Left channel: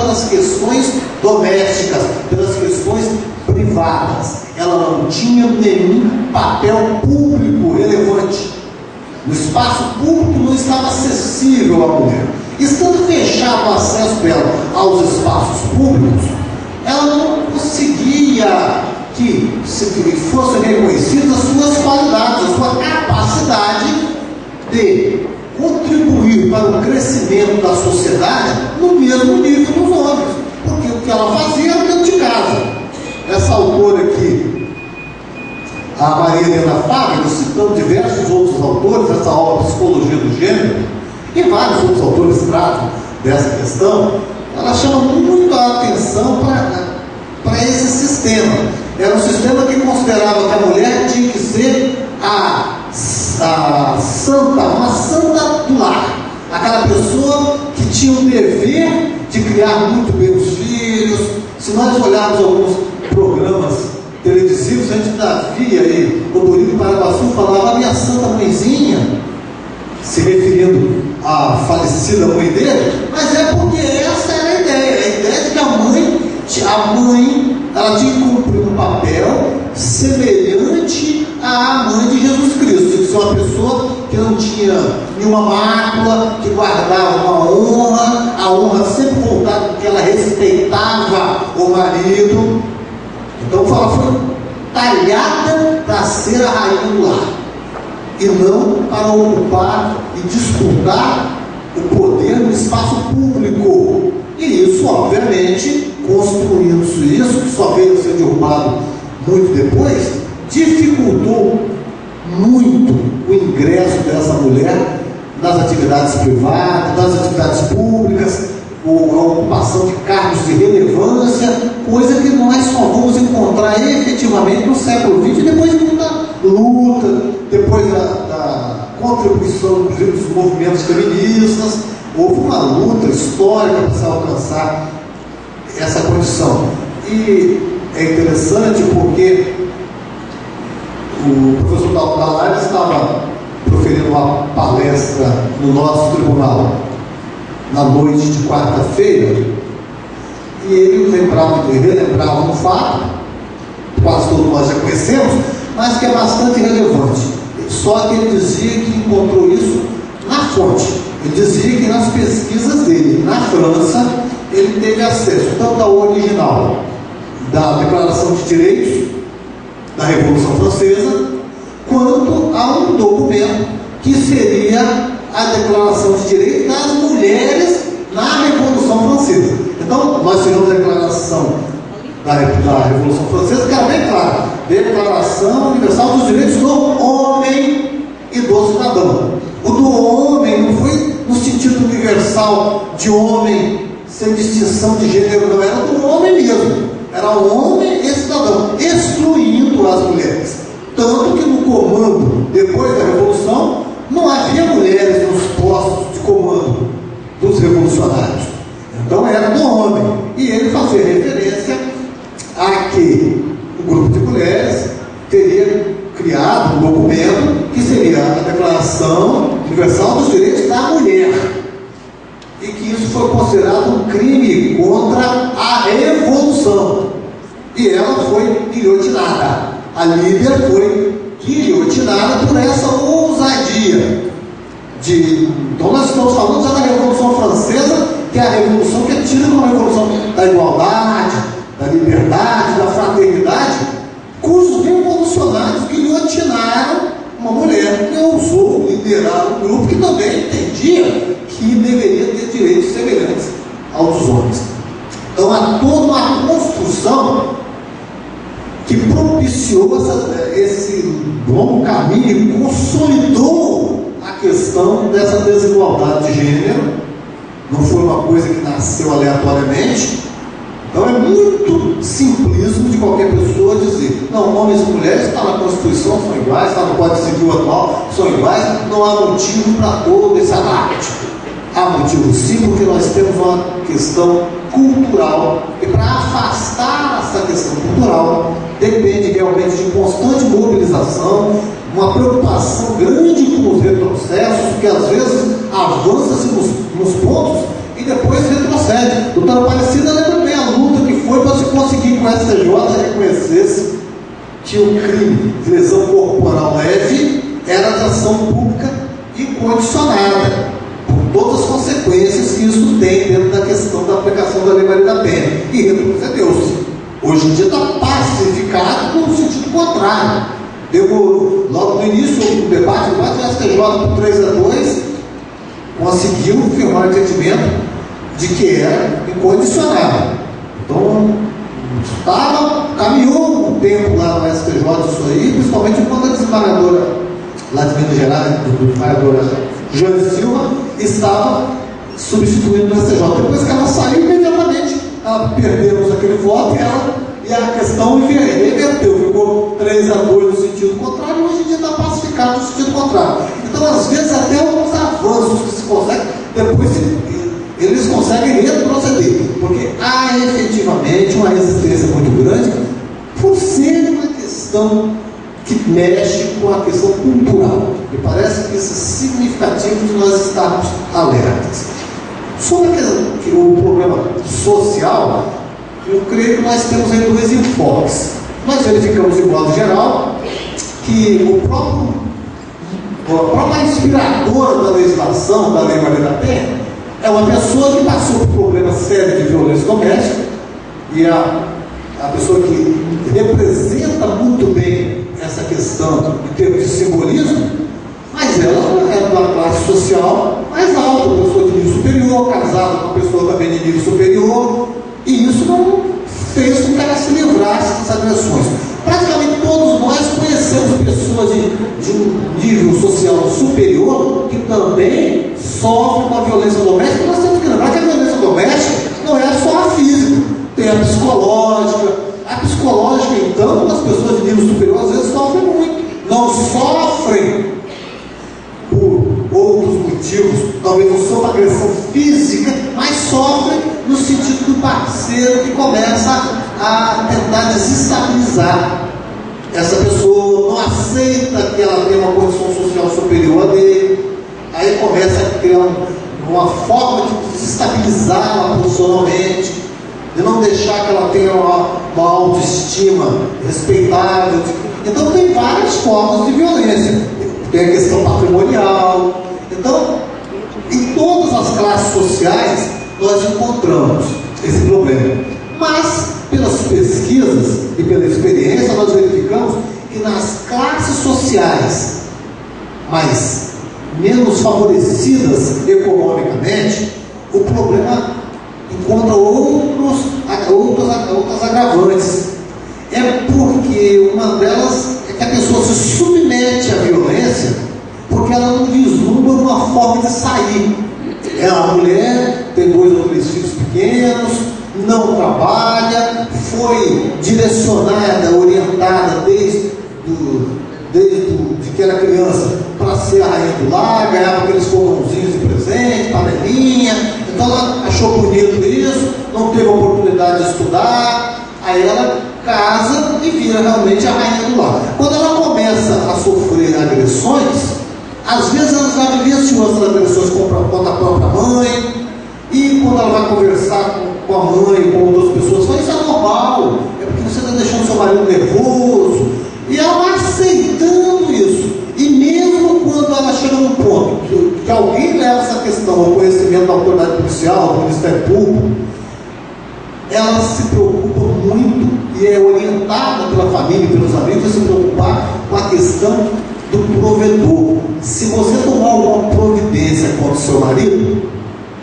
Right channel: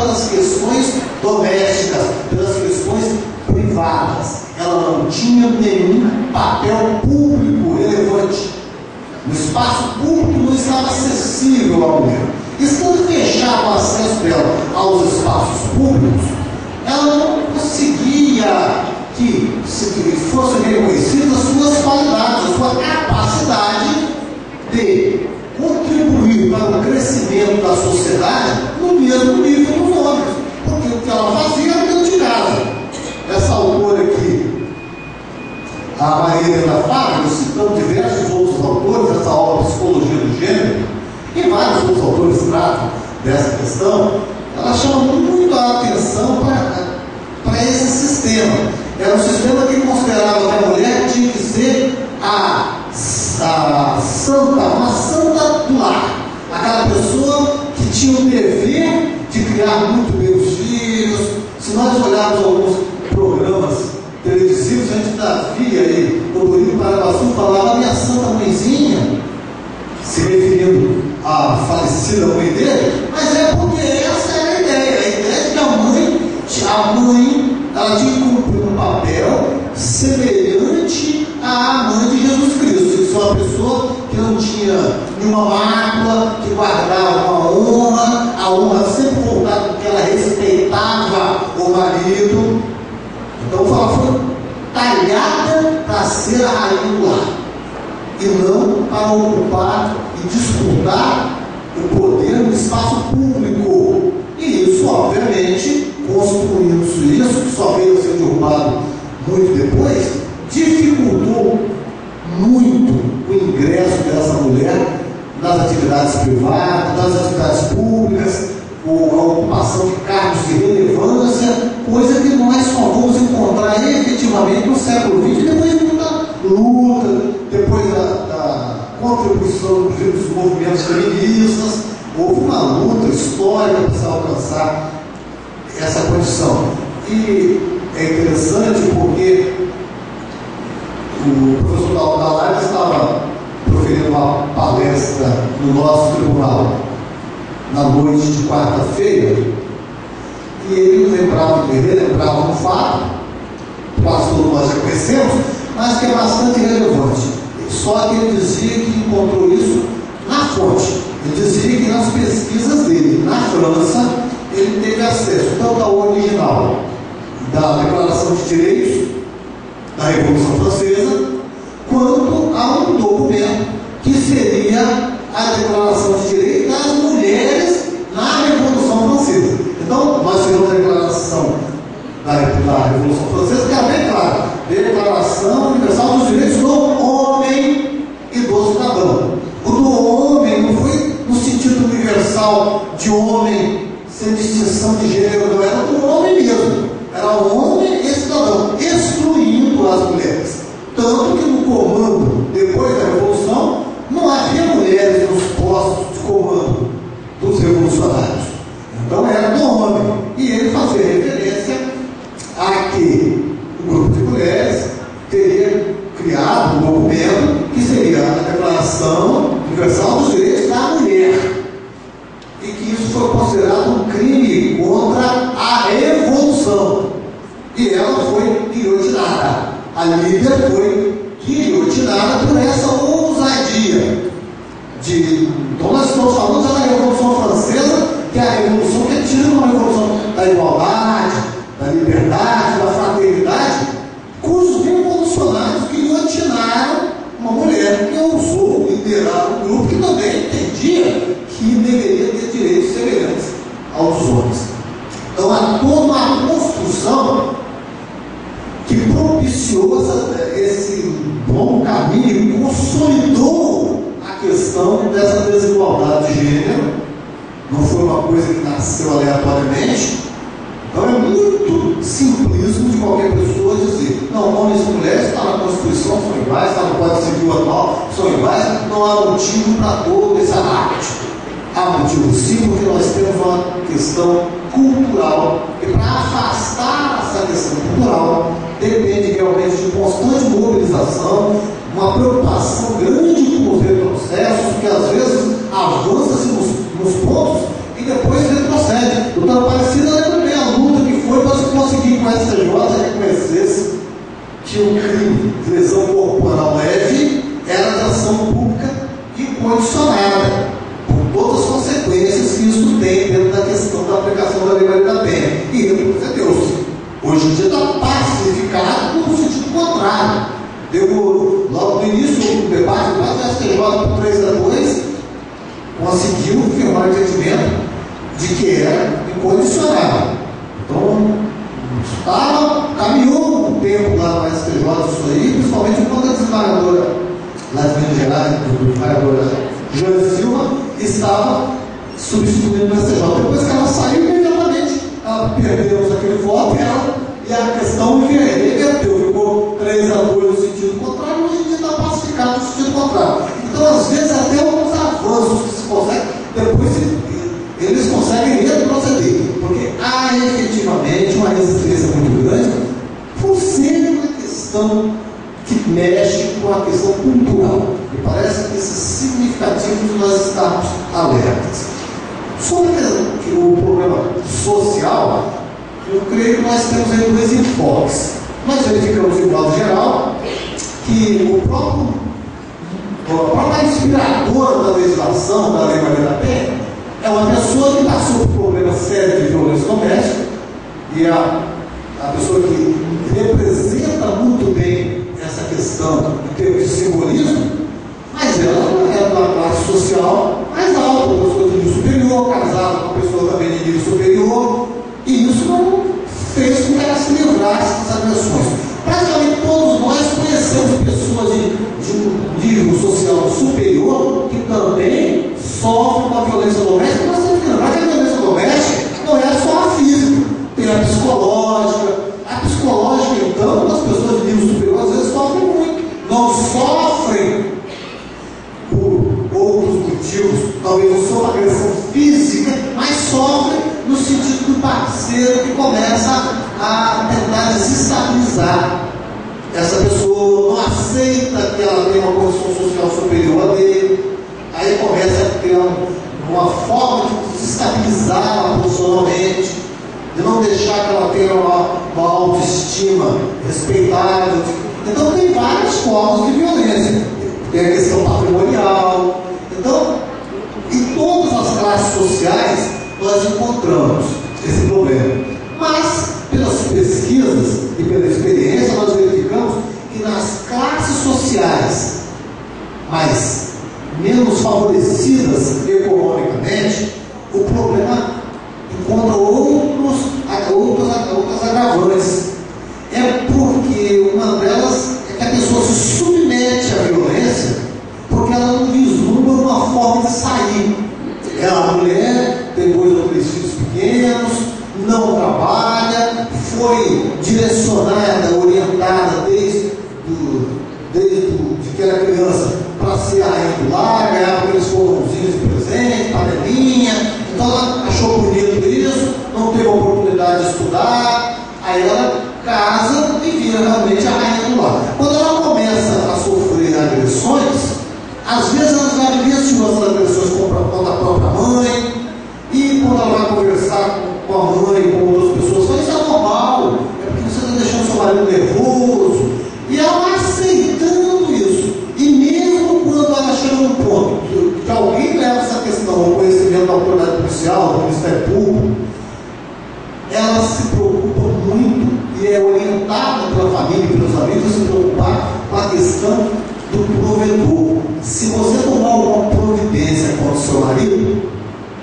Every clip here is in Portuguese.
pelas questões domésticas, pelas questões privadas. Ela não tinha nenhum papel público relevante. No espaço público não estava acessível à mulher. Estando fechado o acesso dela aos espaços públicos, ela não conseguia que fossem reconhecidas as suas qualidades, a sua capacidade de contribuir para o crescimento da sociedade no mesmo nível dos homens, porque o que ela fazia era dentro de casa. Essa autora aqui, a Maria Helena Fábio, citando diversos outros autores, essa obra Psicologia do Gênero, e vários outros autores tratam dessa questão, ela chama muito a atenção para esse sistema. Era um sistema que considerava que a mulher tinha que ser uma santa do lar, aquela pessoa que tinha o dever de criar muito bem os filhos. Se nós olharmos alguns programas televisivos, a gente ainda via aí, o Dorino Paraguaçu falava a minha santa mãezinha, se referindo à falecida mãe dele, mas é porque essa era a ideia de que a mãe ela tinha que cumprir um papel semelhante à mãe de Jesus Cristo, de ser uma pessoa que não tinha nenhuma mácula, que guardava uma honra, a honra sempre voltada porque ela respeitava o marido. Então ela foi talhada para ser a rainha do lar, e não para ocupar e disputar o poder no espaço público. E isso, obviamente, construindo-se isso, que só veio a ser derrubado muito depois, dificultou muito o ingresso dessa mulher nas atividades privadas, nas atividades públicas, a ocupação de cargos de relevância, coisa que nós só vamos encontrar efetivamente no século XX, depois de muita luta, depois da contribuição dos movimentos feministas. Houve uma luta histórica para se alcançar essa condição. E é interessante porque o professor Dalari estava proferindo uma palestra no nosso tribunal na noite de quarta-feira, e ele relembrava um fato, quase todos nós já conhecemos, mas que é bastante relevante. Só que ele dizia que encontrou isso na fonte. Ele dizia que nas pesquisas dele na França, ele teve acesso tanto ao original da Declaração de Direitos da Revolução Francesa, quanto a um documento que seria a Declaração de Direitos das Mulheres na Revolução Francesa. Então, nós tivemos a Declaração da Revolução Francesa, que era bem clara: Declaração Universal dos Direitos do Homem e do Cidadão. O do homem não foi no sentido universal de homem sem distinção de gênero, não, era do homem mesmo, era o homem e cidadão, excluindo as mulheres. Tanto que no comando, depois da Revolução, não havia mulheres nos postos de comando dos revolucionários. Então era do homem. E ele fazia referência a que o grupo de mulheres teria criado um documento que seria a Declaração Universal dos Direitos da Mulher, e que isso foi considerado um crime contra a Revolução, e ela foi guilhotinada. A Líbia foi guilhotinada por essa ousadia então nós estamos falando já da Revolução Francesa, que é a revolução que é tida como a revolução da igualdade, da liberdade, da fraternidade, cujos revolucionários guilhotinaram uma mulher que ousou liderar um grupo que também entendia que deveria ter direitos semelhantes aos dos homens. Então há toda uma construção que propiciou esse longo caminho e consolidou a questão dessa desigualdade de gênero. Não foi uma coisa que nasceu aleatoriamente. Então é muito simplismo de qualquer pessoa dizer: não, homens e mulheres estão na Constituição, são iguais, está no Código Civil atual, são iguais, não há motivo para todo esse alarde. Há motivo sim, porque nós temos uma questão cultural, e para afastar essa questão cultural depende realmente de constante mobilização, uma preocupação grande com os retrocessos, que às vezes avança-se nos pontos em depois retrocede. Doutora Aparecida lembra bem a luta que foi para se conseguir que o STJ reconhecesse que o crime de lesão corporal leve era de ação pública incondicionada, por todas as consequências que isso tem dentro da questão da aplicação da Lei Maria da Penha. E retrocedeu-se. Hoje em dia está pacificado no sentido contrário. Demorou. Logo no início do debate, o STJ por 3-2 conseguiu firmar o entendimento de que era incondicionado. Então, caminhou um tempo lá no STJ isso aí, principalmente quando a desembargadora lá de Minas Gerais, a desembargadora Joane Silva, estava substituindo o STJ. Depois que ela saiu, imediatamente perdemos aquele voto e a questão reverteu, ficou 3-2 no sentido contrário, hoje em dia está pacificado no sentido contrário. Então, às vezes, até alguns avanços que se conseguem, depois eles conseguem retroceder, porque há efetivamente uma resistência muito grande, por ser uma questão que mexe com a questão cultural. E parece que isso é significativo de nós estarmos alertas. Sobre o problema social, eu creio que nós temos aí 2 enfoques. Nós verificamos, de modo geral, que a própria inspiradora da legislação da Lei Maria da Penha é uma pessoa que passou por problemas sérios de violência doméstica, e a pessoa que representa muito bem essa questão em termos de simbolismo, mas ela é de uma classe social mais alta, uma pessoa de nível superior, casada com uma pessoa também de nível superior, e isso não fez com que ela se livrasse das agressões. Praticamente todos nós conhecemos pessoas de um nível social superior que também sofrem com a violência doméstica. Nós temos que lembrar que a violência doméstica não é só a física, tem a psicológica. A psicológica, então, as pessoas de nível superior às vezes sofrem muito. Não sofrem por outros motivos, talvez não só agressão física, mas sofrem no sentido do parceiro que começa a tentar desestabilizar. Essa pessoa não aceita que ela tenha uma condição social superior a dele, aí começa a criar uma forma de desestabilizá-la profissionalmente, de não deixar que ela tenha uma autoestima respeitável. Então tem várias formas de violência. Tem a questão patrimonial. Então, em todas as classes sociais nós encontramos esse problema. Mas, pelas pesquisas e pela experiência, nós verificamos que nas classes sociais mais menos favorecidas economicamente, o problema encontra outras agravantes. É porque uma delas é que a pessoa se submete à violência porque ela não vislumbra uma forma de sair. É uma mulher, tem 2 ou 3 filhos pequenos, não trabalha, foi direcionada, orientada desde que era criança para ser a rainha do lar, ganhava aqueles fogãozinhos de presente, panelinha. Então ela achou bonito isso, não teve oportunidade de estudar, aí ela casa e vira realmente a rainha do lar. Quando ela começa a sofrer agressões, às vezes ela já vivenciou essas agressões contra a própria mãe, e quando ela vai conversar com a mãe, com outras pessoas, fala: isso é normal, é porque você está deixando seu marido nervoso, e ela vai aceitando isso. E mesmo quando ela chega num ponto que alguém leva essa questão ao conhecimento da autoridade policial, do Ministério Público, ela se preocupa muito e é orientada pela família e pelos amigos a se preocupar com a questão do provedor. Se você tomar alguma providência contra o seu marido,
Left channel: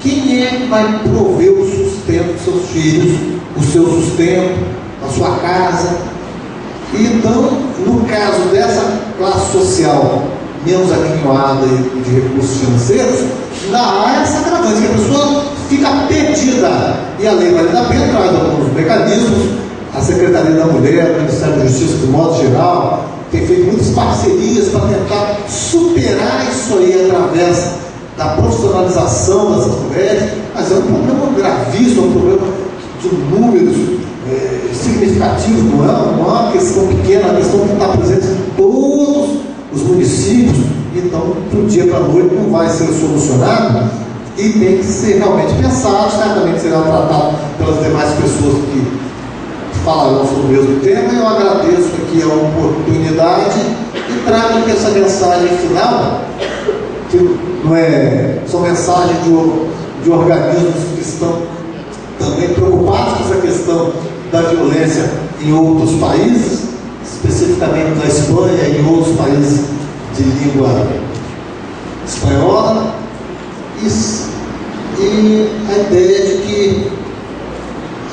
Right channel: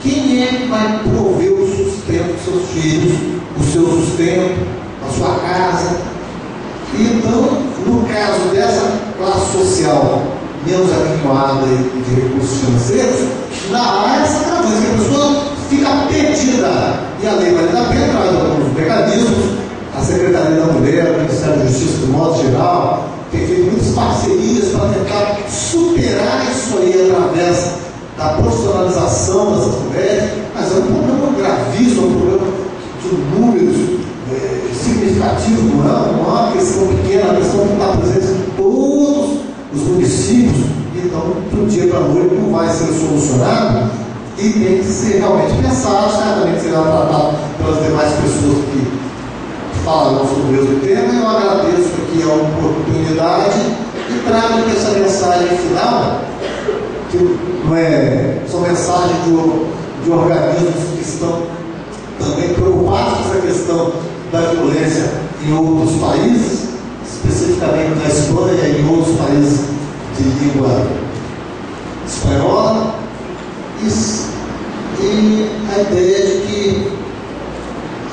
quem é que vai prover o sustento dos seus filhos, o seu sustento, a sua casa? Então, no caso dessa classe social menos aquinhoada e de recursos financeiros, há essa agravante, que a pessoa fica perdida. E a Lei Maria da Penha traz alguns mecanismos. A Secretaria da Mulher, o Ministério da Justiça, de modo geral, tem feito muitas parcerias para tentar superar isso aí através da profissionalização dessas mulheres, mas é um problema gravíssimo, é um problema de números significativos, não é uma questão pequena, é uma questão que está presente em todos os municípios. Então, do dia para a noite não vai ser solucionado. e tem que ser realmente pensado, certamente será tratado pelas demais pessoas que falarão sobre o mesmo tema. Eu agradeço aqui a oportunidade e trago aqui essa mensagem final, que não é só mensagem de organismos que estão também preocupados com essa questão da violência em outros países, especificamente na Espanha e em outros países de língua espanhola, e a ideia de que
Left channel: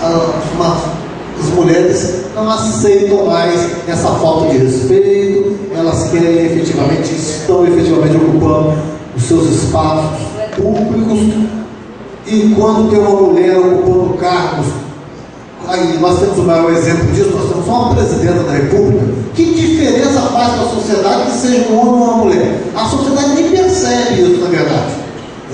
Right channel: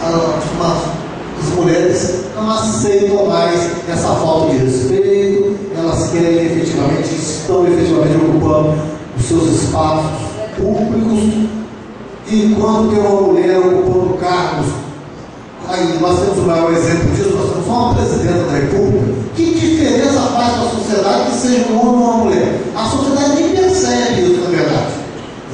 as mulheres não aceitam mais essa falta de respeito, elas querem efetivamente, estão efetivamente ocupando os seus espaços públicos, e quando tem uma mulher ocupando cargos, aí nós temos o maior exemplo disso, nós temos uma presidenta da República. Que diferença faz para a sociedade que seja um homem ou uma mulher? A sociedade nem percebe isso, na verdade.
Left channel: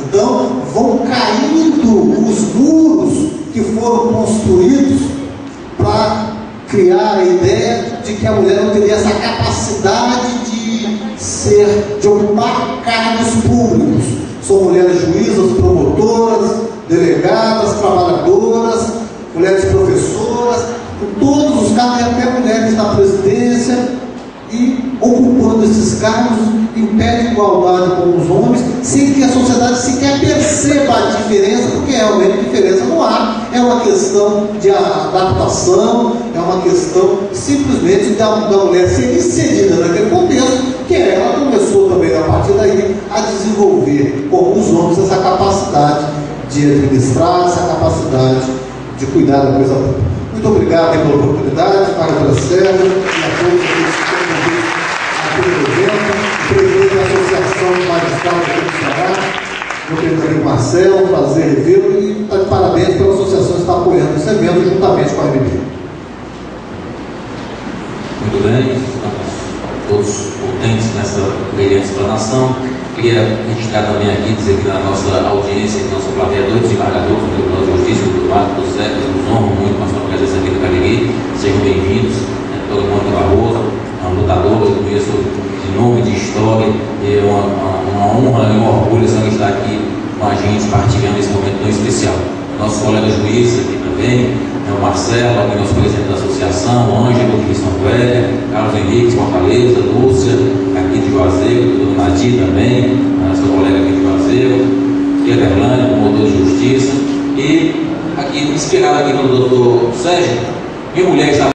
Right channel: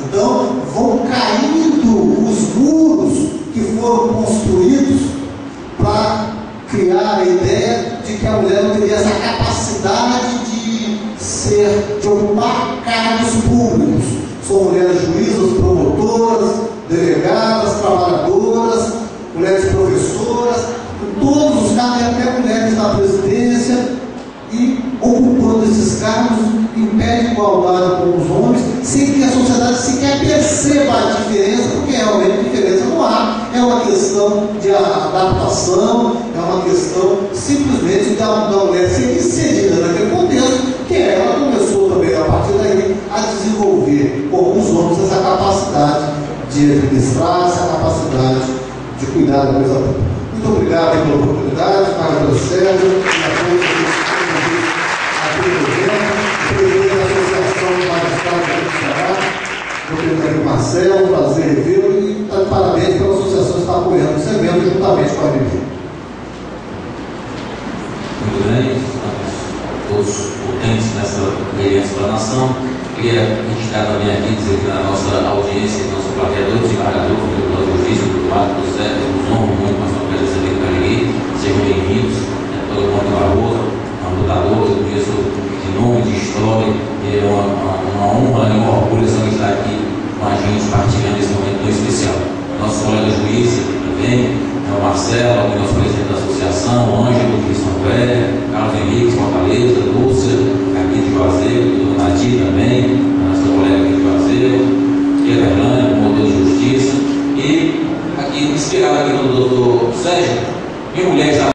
Então, vão caindo os muros que foram construídos para criar a ideia de que a mulher não teria essa capacidade de ocupar cargos públicos. São mulheres juízas, promotoras, delegadas, trabalhadoras, mulheres professoras, em todos os cargos, e até mulheres na presidência, e ocupando esses cargos em pé de igualdade com os homens, sem que a sociedade sequer perceba a diferença, porque realmente diferença não há. É uma questão de adaptação, é uma questão simplesmente da mulher ser inserida naquele contexto, que ela começou também a partir daí a desenvolver com os homens essa capacidade de administrar, essa capacidade de cuidar da coisa pública. Muito obrigado pela oportunidade, para Sérgio e a todos aqui do evento, o presidente da Associação de Magistrados do Ceará, meu querido Marcelo, um prazer revê-lo, e está de parabéns pela associação que está apoiando esse evento juntamente com a MP. Muito bem, estamos todos contentes nessa brilhante explanação. Queria registrar também aqui, dizer que na nossa audiência, nossa plateia, dois desembargadores do Tribunal de Justiça, do Mato, do Zé, nos honram muito com a sua presença aqui no Cariri. Sejam bem-vindos. Todo mundo Barroso, uma lutadora, eu conheço de nome, de história, é uma honra e um orgulho estar aqui com a gente, partilhando esse momento tão especial. Nossos colegas juízes aqui também, o Marcelo, aqui nosso presidente da associação, o Ângelo de São Velho, Carlos Henrique de Fortaleza, Lúcia, aqui de Juazeiro, o Nadir também, a nossa colega aqui de Juazeiro, Everlândia, promotor de justiça, e aqui, inspirado aqui no doutor Sérgio, minha mulher está